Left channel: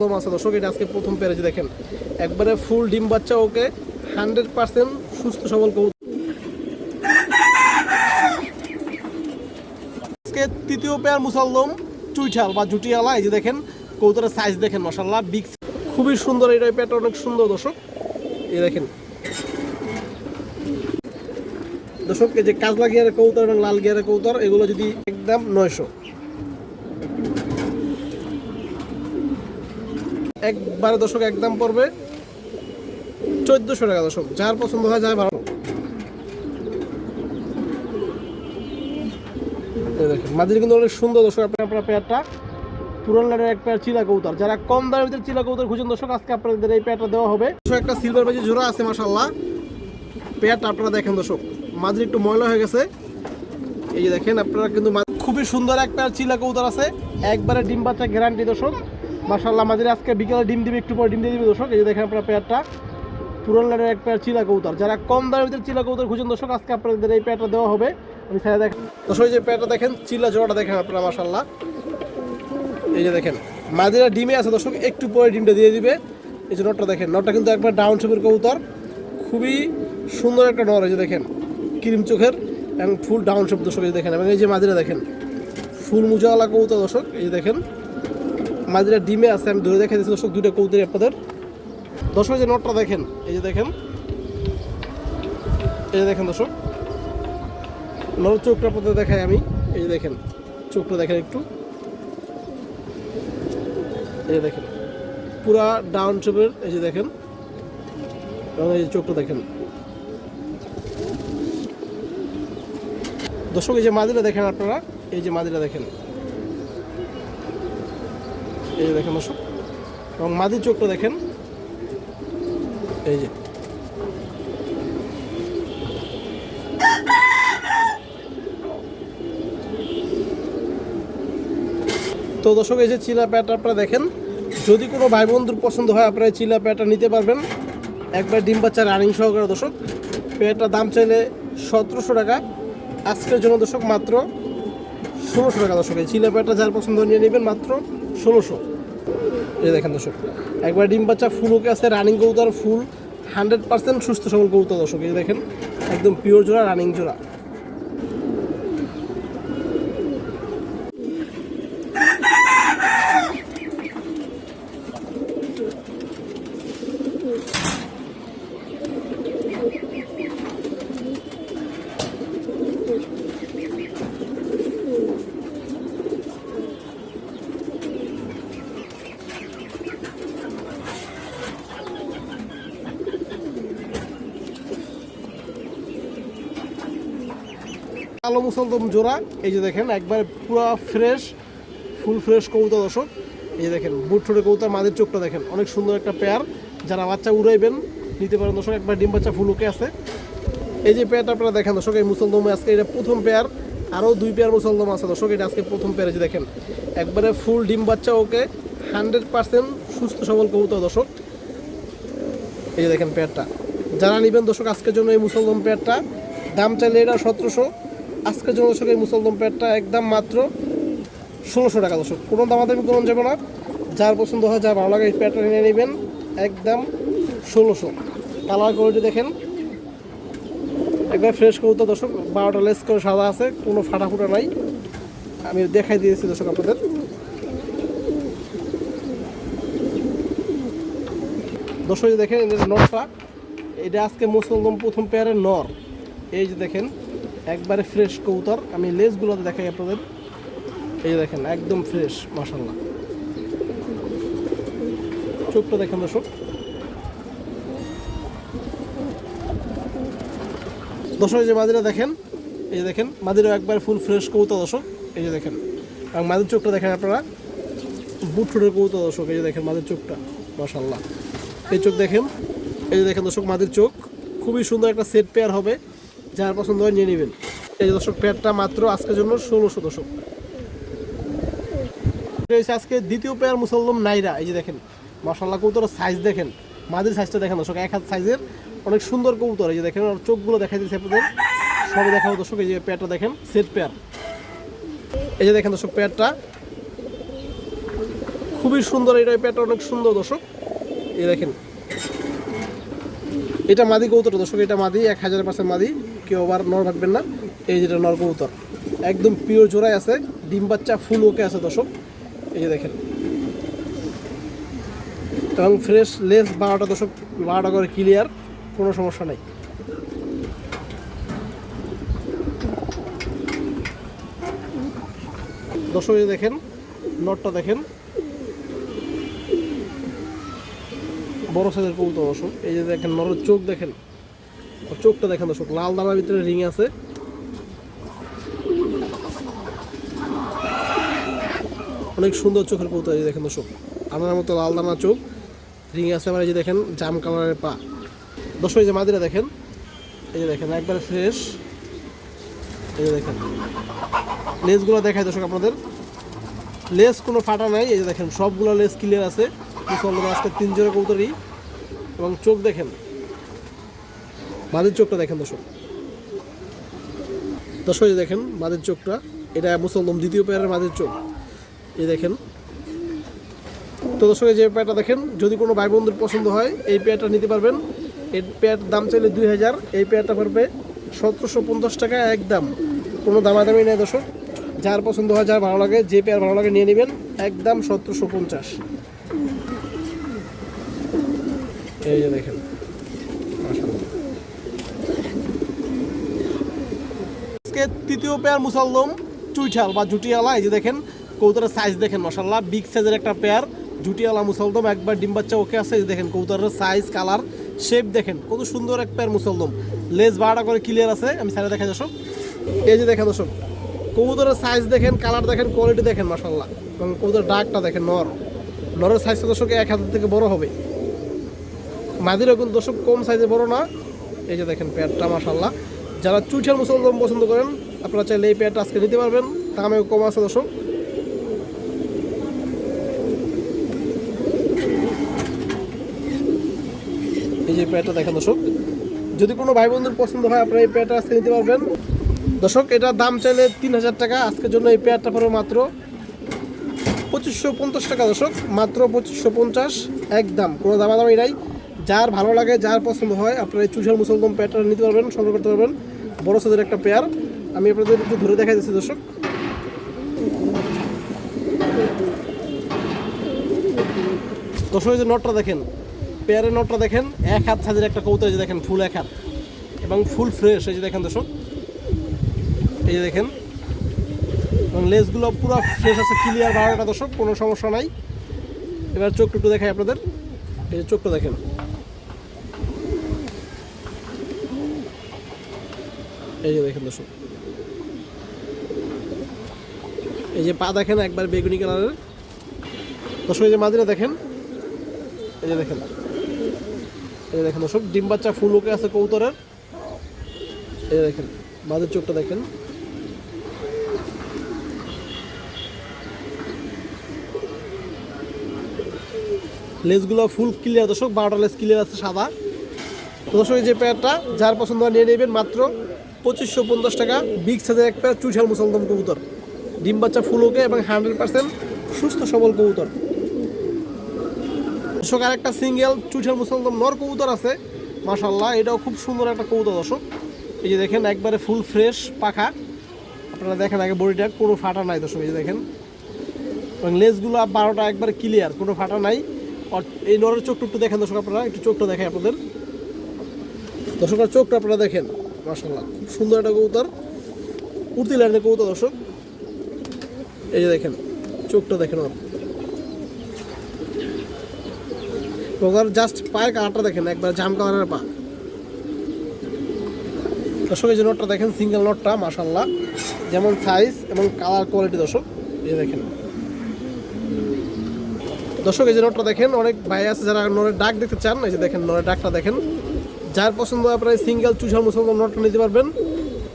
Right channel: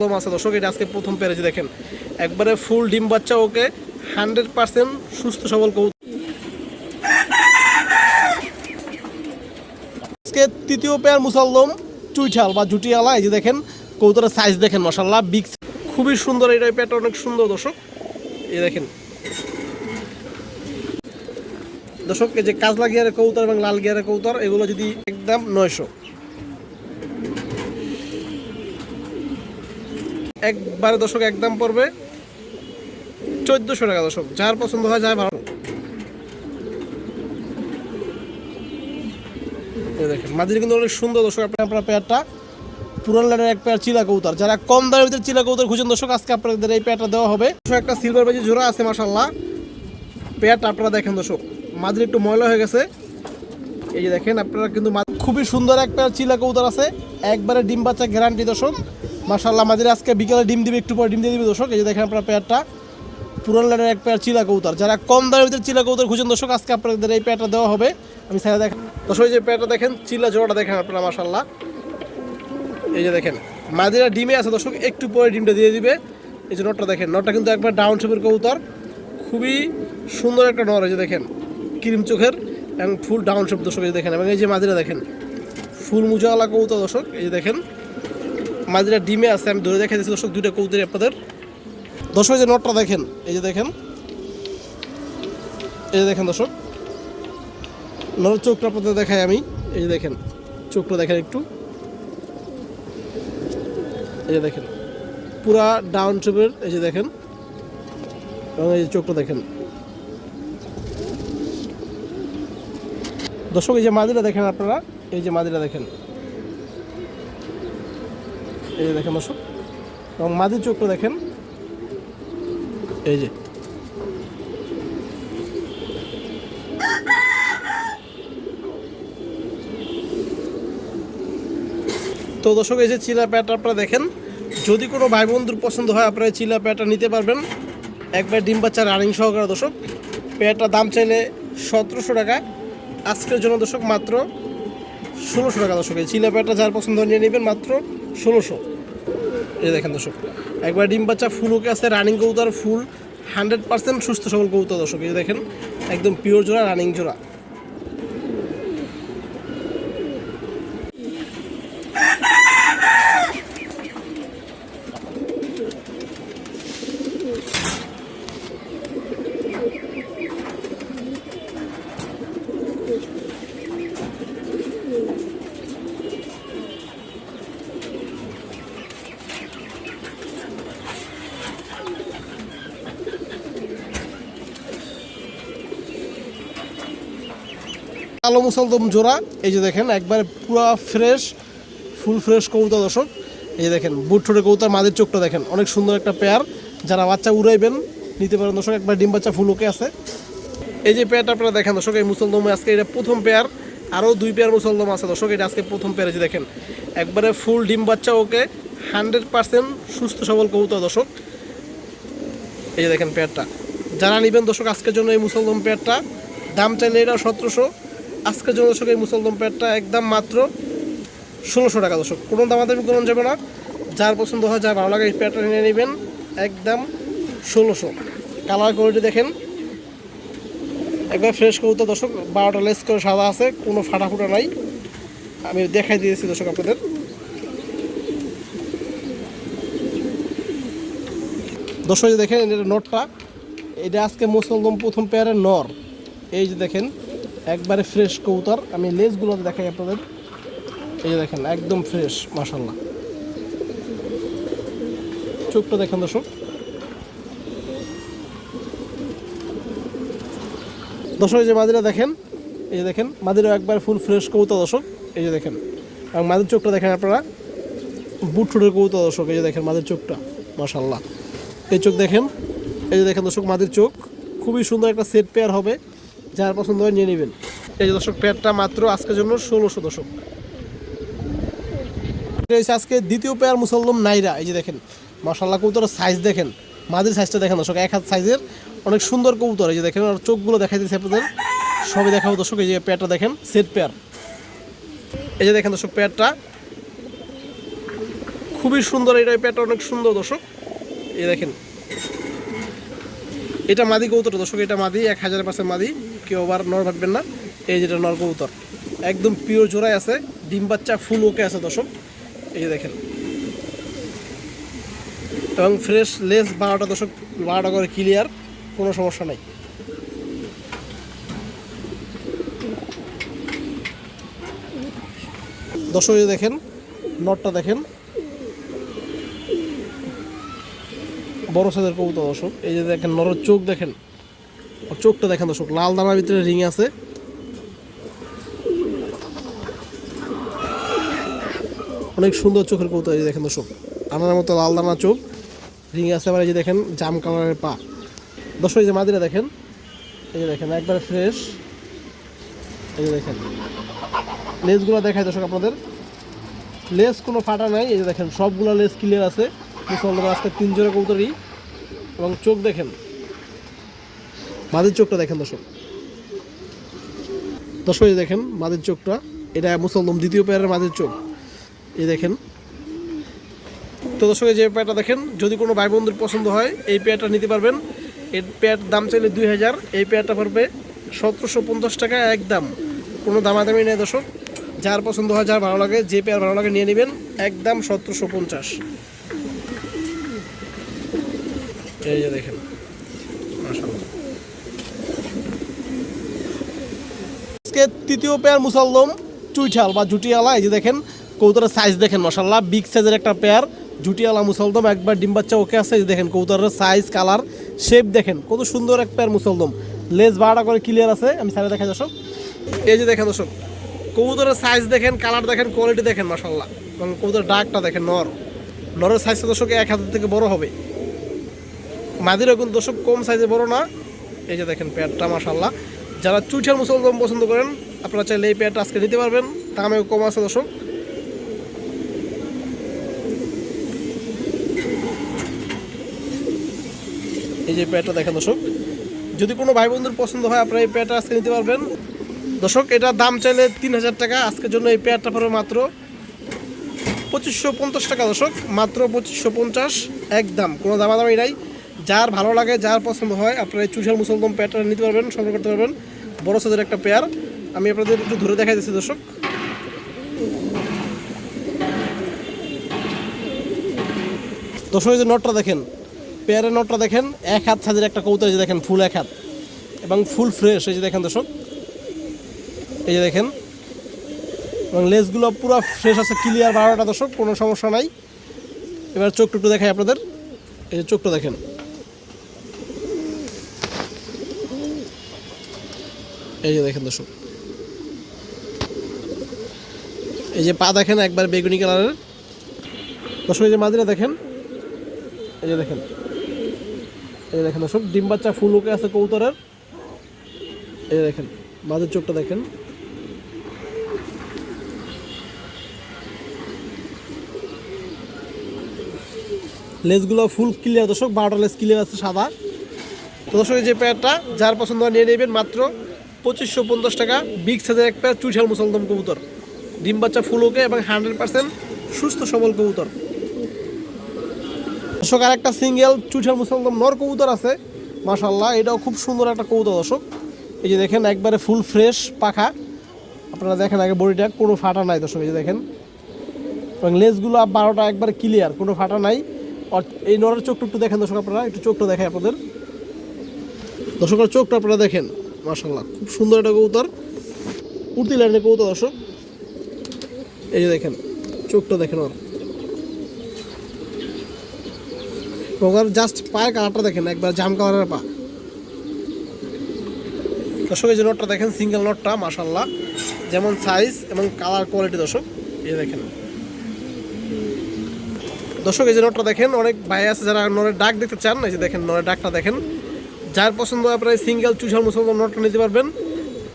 আছে দর্শক, এটা আজকে প্রথম পেরেছি দেখেন, একবারে ফুল ডিম বাচ্চা, ওকে 100% সুস্থ সবল কবুতর। আজকে তৃতীয় পেয়ার মুসাল্লম চুইঠাল বা জুটিয়ালা। এই যে দেখেন কবুতরের সাইজ দেখেন, মাশাআল্লাহ বিগ, খুবই সুন্দর। এটা পেয়ারটা অনেক সুন্দর দর্শক, এই দেখেন দর্শক। এই যে কাজলা গিয়ারের কবুতর এবং লাল গিয়ারের কবুতর, এগুলো যদি একদম 900, একবারে দর্শক একদম পড়বে 1400 টাকা দর্শক। যার পছন্দ হয় যায় ভালো। দেখেন মাদির কিন্তু অনেক সুন্দর দর্শক। আপনার পেয়ারটা পুরান লাইনের এক পেয়ার চিলা কবুতর, যারা কম দামের ভিতরে চিলা কবুতর খুঁজেন দর্শক, আজকে আপনাদের এই পেয়ারটা দেওয়া হবে। একটা সিলভার বাজি জোড়া আছে মাশাআল্লাহ। পেয়ারটা আপনারা দেখেন দর্শক, মাদির একটু ময়লা হয়ে গেছে। এই যে দেখেন আপনারা কিন্তু খুবই সুন্দর এক পেয়ার চিলা কবুতর আছে, একবারে ডিম বাচ্চা গ্যারান্টি দর্শক মাশাআল্লাহ। মাদির আজকে বিকেলে ডিম দিবে, একটু পরে ডিম দিয়ে দিবে দর্শক। এই যে দেখেন আপনার পেয়ারটা পুরান লাইনের এক পেয়ার চিলা কবুতর, যারা কম দামের ভিতরে চিলা কবুতর খুঁজেন দর্শক, আজকে আপনাদের এই পেয়ারটা দেওয়া হবে। আমি সাইডে দেখেন দর্শক, এই যে পেয়ারটা দেখেন, চিলা জোড়াটা দেখেন আপনারা মাশাআল্লাহ। এই যে দেখেন মাদিরা ডিমে আছে দর্শক, একটু পরে ডিমটা দিয়ে দিবে। এই যে নটটা দেখেন, নটটা কিন্তু একবার ডাউন শেপের কবুতর, খুবই সুন্দর একটা নর। এই যে দেখেন ক্রিম চোখের এবং ফুল ডাউন শেপ দর্শক। এই যে দেখেন, এবং এই যে মাদিরা দেখেন ফুল মুজাওয়ালা কবুতর দর্শক। এই যে দেখেন মাদিরা ডিমে আছে, আমি ধরে দেখা দিচ্ছি দর্শক দুইটা কবুতরই আপনাদের। দর্শক যে নটটা দেখেন, এই যে দেখেন, এই যে দেখেন দর্শক নরের চোখটা আপনাদের দেখাই আমি। এই যে দেখেন চোখটা দেখেন একটু, এই যে দেখেন পুরা ডাউন শেপের। এই যে দেখেন, এবং এই যে চোখটা দেখেন দর্শক। এই যে মাদিরা দেখেন আপনারা, এই যে মাদিরা দেখেন, এই যে দেখেন দর্শক, এবং মাদির চোখটা দেখেন। এই যে তো দর্শক, এই যে চিলা প্যাটটা আপনারা দেখেন, যদি কোনো ভাই বন্ধুর পছন্দ হয় আপনারা চিলা প্যাটটা নিতে পারবেন, একবার ডিম বাচ্চা রানিং সহকারে দর্শক। প্যাটটার দাম চাইলে 1700 টাকা, আজকের জন্য দর্শক মাত্র 1600 টাকা দর্শক। এই চিলা প্যাটটা যার পছন্দ নিয়ে নেবেন মাত্র 1600। এই দেখেন দর্শক, একবার ডিম বাচ্চা ফুল ওকে আছে, রানিং কবুতর, ফুল 100% সুস্থ সবল কবুতর দর্শক। এই দেখেন একদম পিওর জোড়া, রানিং জোড়া। কালো মুসলদম জোড়া, এই যে দেখেন একবার পুরো ফ্রেশ, ফুল ফ্রেশ কবুতর দর্শক। এই যে দেখেন বুট ঠোঁটের কবুতর, মাদের চোখটা দেখেন, অনেক সুন্দর একটা পেয়ার, যারা বাচ্চা উড়াইবেন নিতে পারেন দর্শক। একবার ডিম বাচ্চা ফুল ওকে আছে। এই যে পেয়ারটা আপনারা দেখেন দর্শক, এই মুসলদমে আজকে এটা প্রথম পেয়ার, আরও 2 পেয়ার মুসলদম আছে দর্শক। এটা আজকে প্রথম পেয়ার। এই যে দেখেন একবারে ফুল ডিম বাচ্চা, ওকে 100% সুস্থ সবল কবুতর দর্শক। এই যে দেখেন পেয়ারটা, যারা নেবেন দর্শক আজকের জন্য এই মুসলদম পেয়ারটা, দাম চাইলে এটা 1700, আজকের জন্য দর্শক এই মুসলদম পেয়ারটা একদম মাত্র 1600 টাকা দর্শক। কোনো দামাদামি কোনো যাবে না, যার পছন্দ হয়, যার ভালো লাগে এই পেয়ারটা নিয়ে নেবেন একদম 1600। কালার কোয়ালিটি দেখেন একবার ফ্রেশ কবুতর দর্শক, 12টা লেস করে সাদা আছে, কোনো ফাটা ফুটা নাই। আমি দেখাই দিয়েছি দর্শক আপনাদের। দর্শক দেখেন এটা নরটা, এটা আজকে মুসলদম প্রথম পেয়ারের নর। এই যে দেখেন একবারে ফ্রেশ কবুতর, আমি লেসগুলো দেখাই আপনাদের। এই দেখেন একদম ফ্রেশ মাশাআল্লাহ। চোখটা দেখেন দর্শক। দর্শক এই যে মাদিরা দেখেন, এই যে দেখেন মাদিরা একবার ফুল ফ্রেশ কবুতর দর্শক। এই যে দেখেন, এবং মাদির চোখটা দেখেন আপনারা, বুট ঠোঁটের কবুতর দর্শক। এই যে দেখেন মাদির চোখটা মাশাআল্লাহ, এই চোখ দেখেন। এই যে দেখেন দর্শক মাদির চোখ, খুবই সুন্দর একটা সেট পেয়ার হবে, যার পছন্দ হয় নিয়ে নেবেন। এই যে দর্শক পেয়ারটা মাত্র আজকের জন্য 1600 দর্শক। আজকে দ্বিতীয় পেয়ার মুসলদম নাইরা। এই যে দেখেন মাশাআল্লাহ কবুতরের সাইজ দেখেন, মাদির সাইজটা দেখেন দর্শক, 1 হাত সাইজের অনেক সুন্দর কবুতর। এই যে দেখেন আর চোখগুলো দেখাই দিয়েছে আপনাদের, সবই দেখাবো দর্শক। এই যে পেয়ারটা দেখেন, সেট পেয়ার। এই যে দেখেন দর্শক পেয়ারটা খুবই সুন্দর, এটা পেয়ারটা অনেক সুন্দর দর্শক। এই দেখেন এটা মাদি কবুতর দর্শক, এটা মাদি 1000% মাদি, কেউ আবার নর ভাববেন না। এই যেটা নর কবুতর একদম পিওর জোড়ায় আছে, ডিম বাচ্চা ফুল ওকে আছে দর্শক। এই যে দেখেন এবং ফ্রেশ লেস 12টা দর্শক, 12টা করে ক্লিয়ার, কোনো সমস্যা নাই। দর্শক এই দেখেন নটটা দেখেন, বড় সাইজের কবুতর দর্শক। এই যে দেখেন নরের চোখ দেখেন, চোখটা দেখেন দর্শক, লাল দানার ভিতরে রিং আছে। অনেক সুন্দর চোখের কবুতর। এই দেখেন দর্শক আনার মতো লাল দানা চোখ, রিং আছে। আবার এই যে দেখেন জাম কালারের পা দর্শক। এই যে মাদিরা দেখেন, এই যে দেখেন একবার ফ্রেশ। এই যে দেখেন লেসগুলো দেখায় দর্শক আপনাদের, লেস কোনো ফাটা নাই। এই যে দেখেন সবগুলো লেস ক্লিয়ার আছে। আজকে 3 জোড়া কবুতরই। এবং চোখ দেখেন, মাদির চোখটা দেখেন দর্শক। দর্শক এই দেখেন মাদির চোখটা, এটা মুসলদম দ্বিতীয় পেয়ারের মাদির চোখ। এই দেখেন তো দর্শক, যে পেয়ারটা দেখেন, যদি কোনো ভাই বন্ধুর পছন্দ হয় এই পেয়ারটা নিতে পারবেন। এই পেয়ার দাম চাইলে 2000, এই পেয়ারটা পড়বে 1750 টাকা একদম, কোনো দামাদামি নেই দর্শক। যার পছন্দ হয়, যার ভালো লাগে, যে পেয়ার ভালো লাগে নিয়ে নেবেন, একদম 1750। এই যে দেখেন মাশাআল্লাহ। আজকে তৃতীয় পেয়ার মুসাল্লম চুইঠাল বা জুটিয়ালা। এই যে দেখেন কবুতরের সাইজ দেখেন মাশাআল্লাহ, বিগ সাইজের একটা পেয়ার জুটিয়ালা মুসলদম, একবার ডিম বাচ্চা ওকে আছে। এই দেখেন কবুতরের সাইজ, কালার, শেপ দেখেন কত সুন্দর এক পেয়ার মুসলদম। লেজ 12টা করে ক্লিয়ার আছে। আমি সাইডে দেখাই দর্শক, এই যে দেখেন দর্শক কবুতরের সাইজ দেখেন, কালার দেখেন, কোয়ালিটি দেখেন মাশাআল্লাহ। এবং কবুতরের ডাকটা দেখেন, নরের সাইজটা দর্শক 1 হাতের থেকে বড় হবে। মাদিরও কিন্তু দর্শক কম সাইজে বড় না। এই যে দেখেন পেয়ারটা মাশাআল্লাহ। যারা চুইঠাল মুসলদম পছন্দ করেন আপনারা চাইলে এই পেয়ারটা আজকে নিতে পারবেন, দামেও কম আছে দর্শক। এই যে পেয়ারটা দেখেন দর্শক, যদি কোনো ভাই বন্ধুর পছন্দ হয় আপনারা এই পেয়ারটা আজকে নিতে পারবেন দর্শক। এটা দাম চাইলে 3000 টাকা, আজকের জন্য এই পেয়ারটা পড়বে মাত্র 2550 টাকা দর্শক, মাত্র 2550 একদম, কোনো দামাদামি নাই। যার ভালো লাগে, যার পছন্দ হয় আপনারা এই চুইঠাল মুসলদম পেয়ারটা নিতে পারবেন, সংগ্রহ করতে পারবেন। বড় সাইজের একটা পেয়ার, আমি আপনাদের একটু ধরে দেখাই দিচ্ছি দর্শক। দর্শক এই যে নটটা দেখেন, পেয়ারের নটটা দেখেন, 1 হাত সাইজের একটা কবুতর। এই যে দেখেন ফুল 1 হাত এবং ফুল ফ্রেশ। এই যে দেখেন দর্শক, এই যে দেখেন এবং লেসগুলো পুরো ফ্রেশ আছে, ক্লিয়ার 12টা দর্শক, কোনো সমস্যা নাই। এবার চোখটা একটু দেখাই আপনাদের, এই যে চোখটা দেখেন, এই যে দেখেন দর্শক, এই যে পা দেখেন একবার বেগুনি কালারের দর্শক। এই যে মাদিরা দেখেন, এই যে দেখেন, এই যে দেখেন দর্শক ডিম বাচ্চা ফুল ওকে আছে কবুতরের। এই যে দেখেন মাদির চোখটা দেখেন, লেসগুলো ফুল ক্লিয়ার দর্শক, 12টা লেস ক্লিয়ার আছে সাদা। তো দর্শক যে পেয়ারটা যার পছন্দ নিয়ে নেবেন, মাত্র 2550 টাকা, বিগ সাইজের এক পেয়ার চুইঠাল মুসলদম কবুতর, ডিম বাচ্চা ফুল ওকে এবং 100% সুস্থ সবল কবুতর দর্শক। আর একটা সিঙ্গেল চুইঠাল মুসলদম নর কবুতর আছে মাশাআল্লাহ, এটাও খুব সুন্দর একটা কবুতর দর্শক। এই যে দেখেন একবারে ফুল ফ্রেশ পাখা, আপনারা দেখেন আগে বডিটা কোনো ফাটা নাই দর্শক। এই যে দেখেন এবং লেসগুলো 12টা একবার ক্লিয়ার, কোনো ফাটা নাই। আর এই নরের চোখটা একটু দেখেন দর্শক, আপনারা একটু চোখটা দেখায় আপনাদের দর্শকের চোখটা আপনারা দেখেন মাশাআল্লাহ, খুব সুন্দর একটা কবুতর, উড়তি লাইনের কবুতর দর্শক। এই যে দেখেন চোখটা দেখেন, ওর জাস্ট পায়ের কালারটা দেখেন, একবার জাম কালারের পা দর্শক। এই যে নটটা দেখেন, সিঙ্গেল নটটা মাশাআল্লাহ, যেমন সাইজ এবং কালার কোয়ালিটি দর্শক। এই দেখেন দর্শক, এই যে নটটা দেখেন, অনেক ভাই আছে যারা নরের ডাক দেখতে চান। এই যে দেখেন নরের ডাকটা দেখেন, যার পছন্দ হয় আপনারা সিঙ্গেল চুইঠাল মুসলদম নটটা নিতে পারবেন।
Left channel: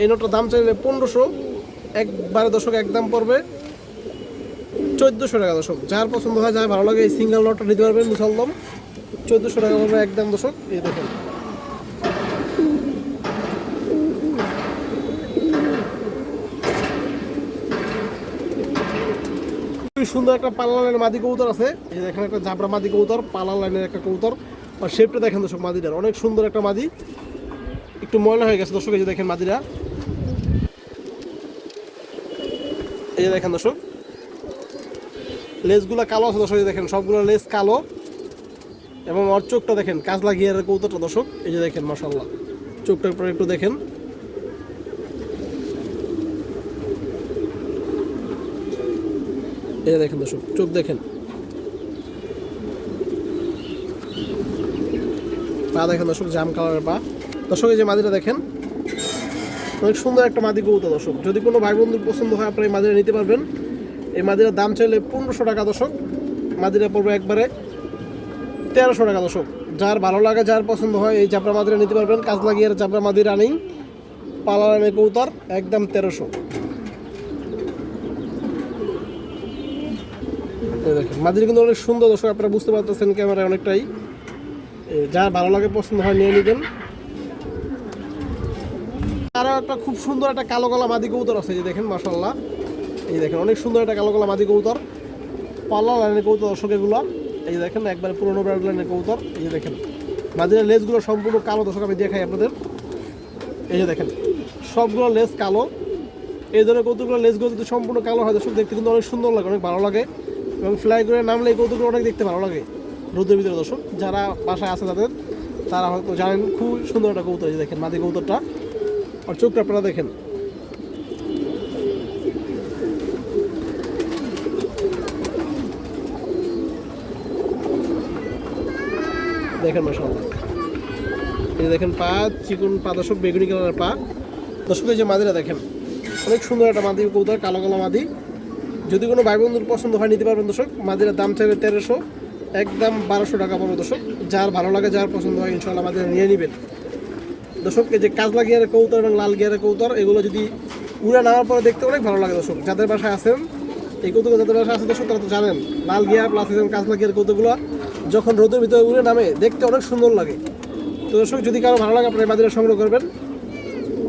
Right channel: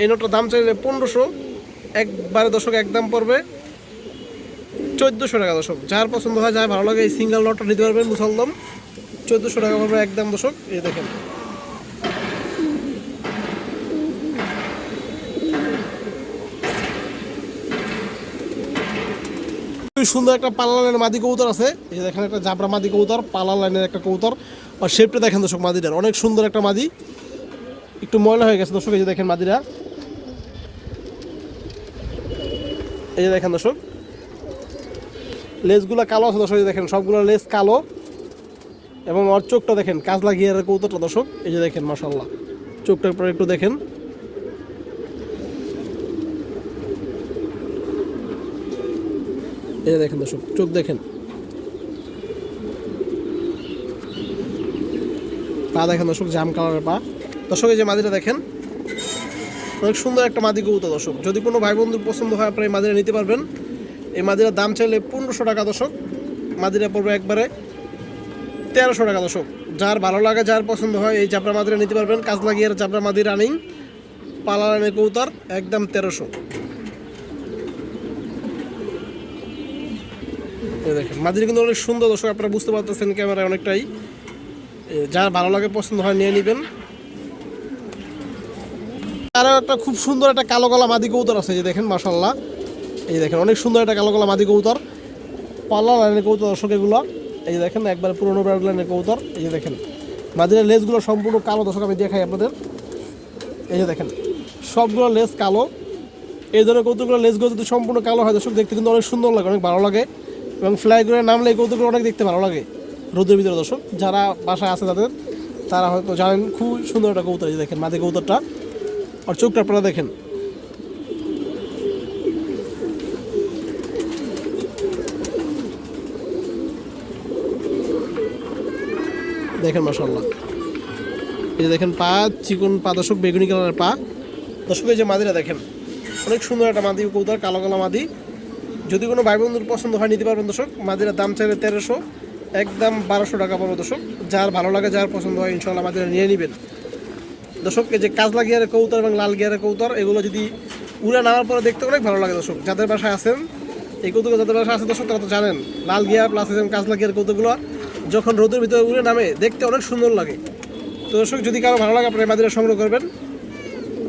এই নটটার দাম চাইলে 1500, একবারে দর্শক একদম পড়বে 1400 টাকা দর্শক। যার পছন্দ হয়, যার ভালো লাগে, এই সিঙ্গেল নটটা নিতে পারবেন মুসলদম, 1400 টাকা পড়বে একদম দর্শক। এই দেখেন খুবই সুন্দর একটা পালা লাইনের মাদি কবুতর আছে। এই দেখেন একটা জাবরা মাদি কবুতর, পালা লাইনের একটা কবুতর। আর শেপটা দেখেন দর্শক মাদিটার, অনেক সুন্দর একটা মাদি, একটু ময়লা হয়ে গেছে দর্শক। এই যে দেখেন মাদিরা, এই যে দেখেন দর্শক লেজগুলো কালো আছে দর্শক। দেখেন সবগুলো লেজ কালো এবং ওর চোখটা দেখেন কাজলা গিয়ারের কবুতরটা দর্শক। এই যে দেখেন মাশাআল্লাহ, চোখটা পরে একটু দেখেন। এই যে দেখেন দর্শক চোখ দেখেন, পা দেখেন দর্শক, জাম কালারের পা দর্শক। এই যে মাদিটা দেখেন, অনেক সুন্দর একটা মাদি কবুতর দর্শক। যদি কোনো ভাই বন্ধু পছন্দ হয় আপনারা এই মাদিরা নিতে পারবেন। এই মাদিরার দাম চাইলে 1500 টাকা দর্শক, মাদিরা পড়বে একবারে 1300 টাকা দর্শক। যার ভালো লাগে, যার পছন্দ হয় এই চাপড়া মাদিরা নিতে পারবেন। কাজ লাগিয়ে চাপড়া মাদি রানিং পালা রানের কবুতর, একদম 1300। দেখেন মাদিরা কিন্তু অনেক সুন্দর দর্শক, আপনারা বুঝতে পারতেছেন ক্যামেরায় অনেকটাই। যার ভালো লাগে পছন্দ হয় নিয়ে নেবেন। আরও একটা খুব সুন্দর একটা কালো গলা মাদি কবুতর আছে, যে দেখেন মাশাআল্লাহ। এই দেখেন অনেক সুন্দর একটা কালো গলা মাদি কবুতর, পালা লাইনের কবুতর দর্শক এগুলো। এই দেখেন একবার পুরোনো ব্রাউন লাইনের কবুতর। এই যে দেখেন মাদিরার লেজগুলো সম্পূর্ণ কালো দর্শক, আমি দেখাই আপনাদের। এই যে দেখেন সবগুলো লেজ কালো। এই ধরনের কবুতরগুলো লেজগুলো যদি সম্পূর্ণ কালো হয় দর্শক, দেখতে কিন্তু অনেক সুন্দর লাগে, অনেক ভালো লাগে। এবং ফ্লাই করে নামলে এই কবুতরগুলো অনেক দেখতে ভালো লাগে রোদের ভিতরে দর্শক। যারা বাসায় আছে তাদের, তারা হয়তো জানেন খুব সুন্দর একটা কবুতর। এই যে দেখেন মাদি কবুতরটা, আর চোখটা আপনারা দেখেন। দেখেন মাশাআল্লাহ, এই যে দেখেন পা, চিকন পা দর্শক, বেগুনি কালারের পা দর্শক। এই যে মাদিরা দেখেন, অনেক সুন্দর একটা মাদি কবুতর, কালো কালো মাদি। যদি কোনো ভাই বন্ধুর পছন্দ হয় নিতে পারবেন দর্শক। মাদিরার দাম চাইলে 1300, একদম 1200 টাকা পড়বে দর্শক। যার ভালো লাগে, যার পছন্দ হয় ইনশাআল্লাহ মাদিরা নিয়ে নেবেন দর্শক। এই যে কাজলা গিয়ারের কবুতর এবং লাল গিয়ারের কবুতর, এগুলো যদি উড়ে নামার পরে দেখতে অনেক ভালো লাগে দর্শক। যাদের বাসায় আছেন এই কবুতর, যাদের বাসায় আছে দর্শক, তারা তো জানেন লাল গিয়ার প্লাস কাজলা গিয়ার কবুতরগুলো যখন রোদের ভিতরে উড়ে নামে দেখতে অনেক সুন্দর লাগে। তো দর্শক যদি কারো ভালো লাগে আপনারা মাদিরা সংগ্রহ করবেন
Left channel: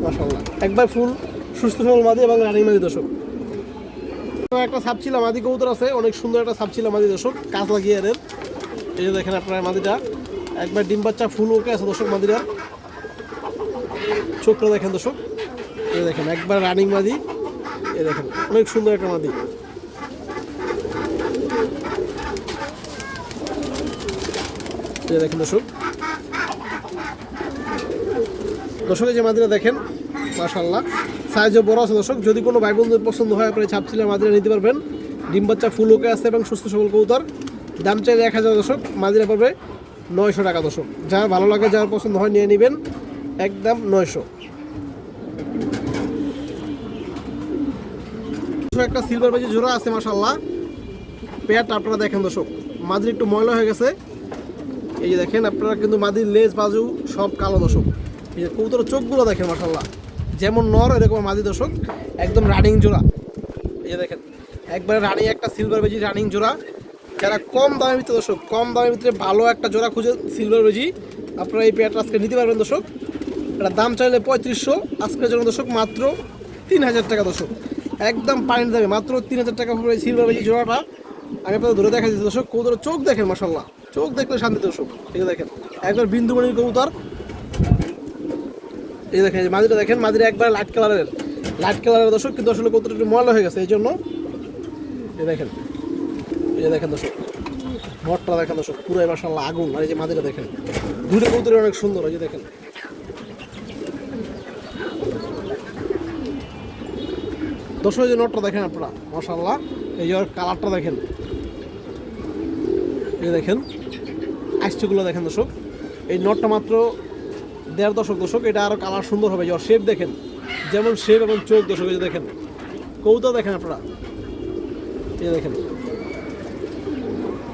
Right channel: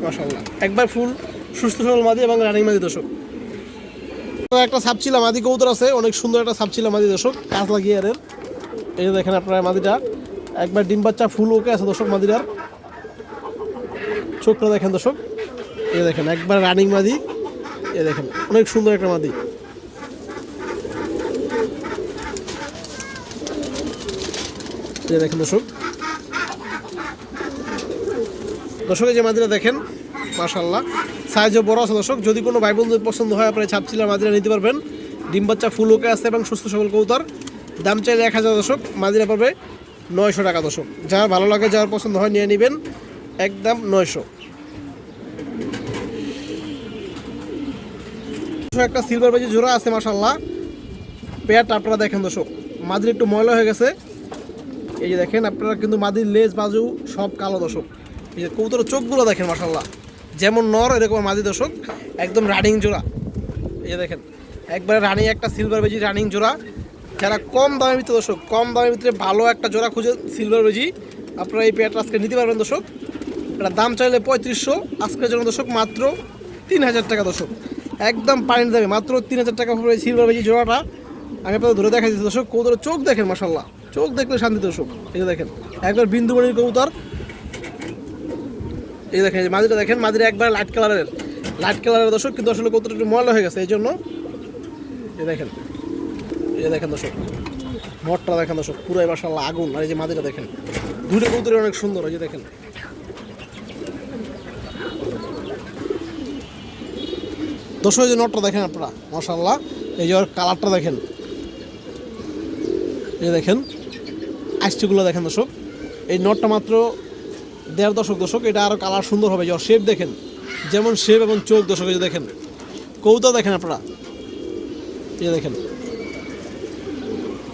মাশাআল্লাহ। একবার ফুল সুস্থ সবল মাদি এবং রানিং মাদি দর্শক। একটা সাপচিলা মাদি কবুতর আছে, অনেক সুন্দর একটা সাপচিলা মাদি দর্শক, কাজলা গিয়ারের। এই যে দেখেন আপনারা মাদিটা একবার ডিম বাচ্চা ফুল ওকে আছে দর্শক। মাদিরা চোখটা দেখেন দর্শক, এই দেখেন একবার রানিং মাদি। এই দেখেন অনেক সুন্দর একটা মাদি। এই দেখেন দর্শক, দর্শক এই যে মাদিরা দেখেন মাশাআল্লাহ, সাইজও বড় আছে দর্শক। যদি কোনো ভাই বন্ধুর পছন্দ হয় আপনারা ছাপচিলা মাদিরা নিতে পারবেন। ডিম বাচ্চা ফুল ওকে আছে এবং সুস্থ সবল কবুতর। দাম চাইলে 1000 দর্শক, মাদিরা পড়বে 900 টাকা দর্শক। যার ভালো লাগে, যার পছন্দ হয় নিয়ে নেবেন, একদম 900। একটা সিলভার বেজি জোড়া আছে মাশাআল্লাহ, পেয়ারটা আপনারা দেখেন দর্শক। মাদির একটু ময়লা হয়ে গেছে, এই যে দেখেন আপনারা, কিন্তু মাদির লেজ বাজু সব কালো দর্শক। এই যে কবুতরের চোখগুলো দেখেন মাশাআল্লাহ, যেমন নর এরকম মাদি দর্শক, একদম রানিং জোড়া। এই যে দেখেন একবারে রানিং একটা সিলভার বেজি রানিং জোড়া। যারা কম দামের ভিতরে দর্শক, কম দামের ভিতরে ভালো একটা জোড়া খুঁজে সিলভার বেজি, আপনারা এই পেয়ারটা আজকে নিতে পারবেন দর্শক। এটা দাম চাইলে 3500, আজকের জন্য দর্শক মাত্র 3000 টাকা দর্শক। একদম পানির দামে মাত্র 3000 টাকা পড়বে এই সিলভার বেজি জোড়াটা। আমি আপনাদের ধরে দেখা দিচ্ছি দর্শক। কবুতরের চোখ দেখেন মাশাআল্লাহ, চোখ দেখলে শান্তি দর্শক। এই যে দেখেন একবার বিন্দুমণির কবুতর। এই দেখেন মাদিটা দেখেন, মাদিরা একবার লাইট কালারের দর্শক, কিন্তু আসলে কবুতরটা একটু ময়লা হয়ে গেছে এই জন্য। এই দেখেন, এই যে দেখেন দর্শক নটটা দেখেন দর্শক, পুরাই মাশাআল্লাহ আগুন। আর এই যে মাদিরা দেখেন, দুটো কবুতরই অনেক সুন্দর। এই যে দেখেন দর্শক, এই যে নটটা দেখেন আপনারা মাশাআল্লাহ। এই যে ওর কালারটা দেখেন, এই দেখেন আইসটিগুলো দেখেন দর্শক। এই নটটা মাত্র 1.5 দর্শক। এটা আরও কালার সুন্দর হবে। যে শেপ দেখেন, যেমন শেপ এবং চোখ দর্শক। এই যে দেখেন কবুতর দেখেন আপনারা, এই দেখেন,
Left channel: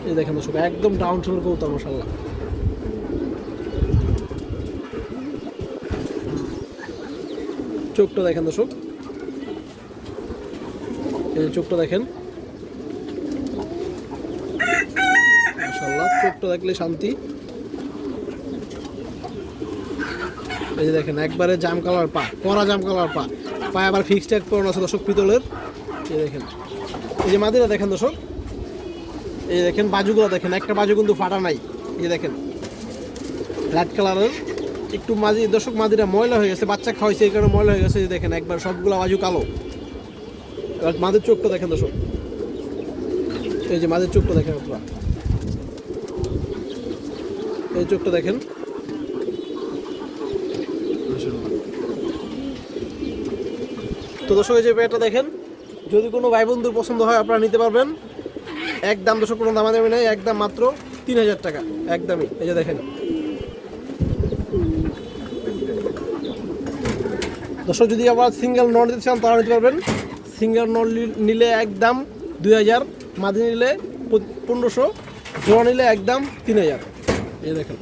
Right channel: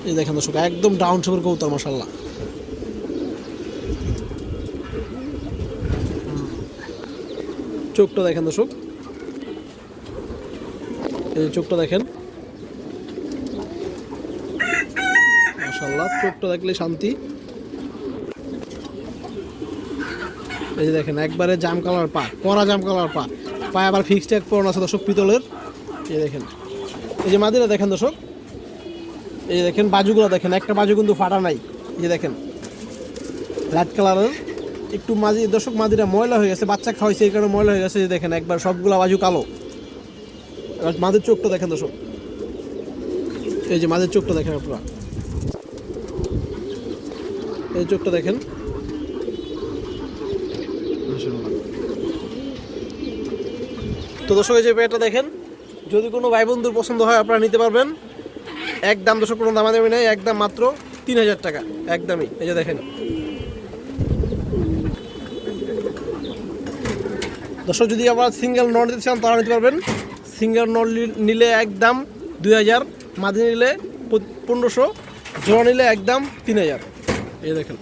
এই দেখেন দর্শক একদম ডাউন শেপের কবুতর মাশাআল্লাহ। চোখটা দেখেন দর্শক, এই চোখটা দেখেন মাশাআল্লাহ, চোখটা দেখলে শান্তি। এই যে দেখেন একবারে জাম কালার পা, কড়া জাম কালার পা, পায়ে আবার ফিক্সড ট্যাগ পরানো আছে দর্শক পিতলের। এই দেখেন এই যে মাদিরা দেখেন দর্শক, এই দেখেন বাজুগুলো দেখেন, একটা বাজু কিন্তু ফাটা নাই। এই দেখেন রেড কালারের, একটু মাঝি দর্শক মাদিরা ময়লা হয়ে গেছে, বাচ্চা খাওয়াইছে এই কারণে ময়লা হয়ে গেছে। দেখেন একবার সবগুলো বাজু কালো। এবার মাদের চোখটা দেখেন দর্শক, এই যে মাদের চোখটা দেখেন আপনারা, এই চোখটা দেখেন। তো দর্শক এই যে পেয়ারটা দেখেন, যদি কোনো ভাই বন্ধুর পছন্দ হয় আপনারা নিতে পারবেন। একদম দর্শক কোনো দামাদামি নেই, একদম মাত্র 3000 টাকা একদমই। এই যে দেখেন দর্শক, যদি আবার সিঙ্গেল নট নিতে চান তারা নিতে পারবেন। সিঙ্গেল নট নিলে একদম 2000, মাদি নিলে 1500, জোড়া নিলে একদম 3000। এই দেখেন।